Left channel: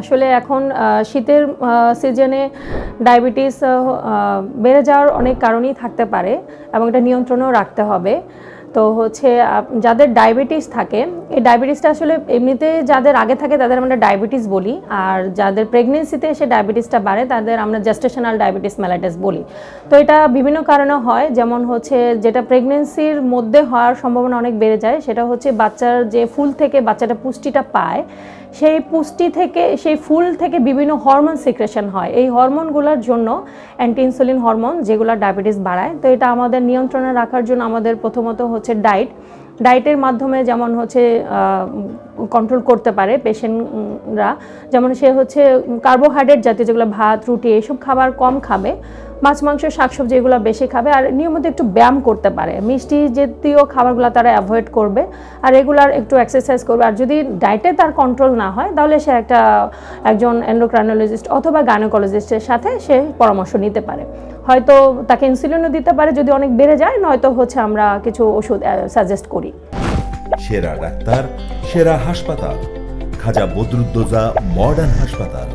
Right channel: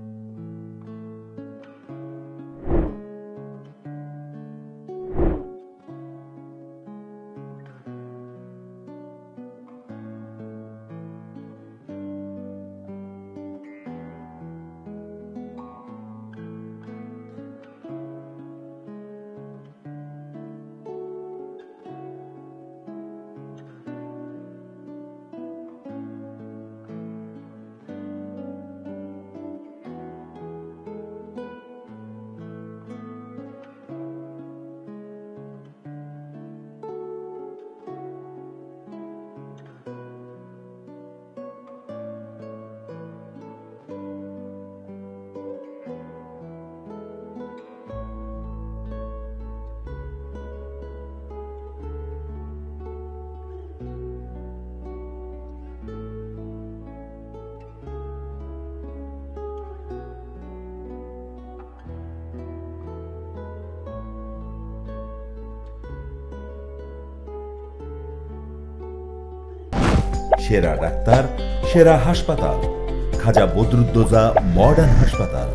আসলে এখন শীতের সিজনে ডায়াবেটিস বেড়ে যাওয়ার অনেক কারণই থাকতে পারে এবং এটা নিয়ন্ত্রণেও রাখতে হবে। তো হচ্ছে যাদের ডায়াবেটিস থাকে, এই ডায়াবেটিসটা আসলে এমনিতে যাদের আগে থাকে তাদের আমরা ডায়াবেটিস বলি, আর যাদের প্রেগনেন্সিতে এসে ডায়াবেটিসটা বাড়ে তাদের আমরা জেস্টেশনাল ডায়াবেটিস মেলাইটাস বলি। তো এটা বিভিন্ন কারণে হয়, যেমন হচ্ছে যেটা প্রেগনেন্সির মধ্যে হওয়ার সম্ভাবনা অনেক বেড়ে যায়, সেটা হচ্ছে বাচ্চার যে ফুল থেকে বাচ্চাটা পুষ্টিটা পায়, সেই পুষ্টি থেকে সেই ফুল থেকে বিভিন্ন হরমোন সিক্রেশন হয়। এই হরমোনগুলোর জন্য অ্যান্টি ইনসুলিন হরমোন যেগুলো ডায়াবেটিস বাড়ায়। তো এটা আমাদের নিয়ন্ত্রণে রাখার জন্য আমাদের প্রথমত হচ্ছে ডায়েটের মাধ্যমে যেমন হচ্ছে কন্ট্রোল করতে পারে পেশেন্টরা। যেমন সে হচ্ছে কার্বোহাইড্রেট জাতীয় যেগুলো ভাত রুটি এইসব খাবার কম খাবে, মাছ মাংস শাকসবজি এগুলো বেশি খাবে, আর নিয়মিত একটু ব্যায়াম করতে পারে, মিষ্টি জাতীয় খাবারগুলো তারা অ্যাভয়েড করবে, আর রেগুলার একটু এক্সারসাইজ করবে। আর যদি ডায়েটে তার কন্ট্রোল না হয় তাহলে সে একজন এন্ডোক্রাইনোলজিস্ট অথবা গাইনোকোলজিস্টের সাথে সে পরামর্শ নিতে পারে। হয়তো তাকে ইনসুলিনও দিতে পারে যদি অনেক বেড়ে যায়, নয়তো হচ্ছে আমরা কিছু ওষুধ সাজেস্ট করি। সেরা ডাক্তার, সেরা হাসপাতাল, খাজা বদরুদ্দোজা মডার্ন হাসপাতাল।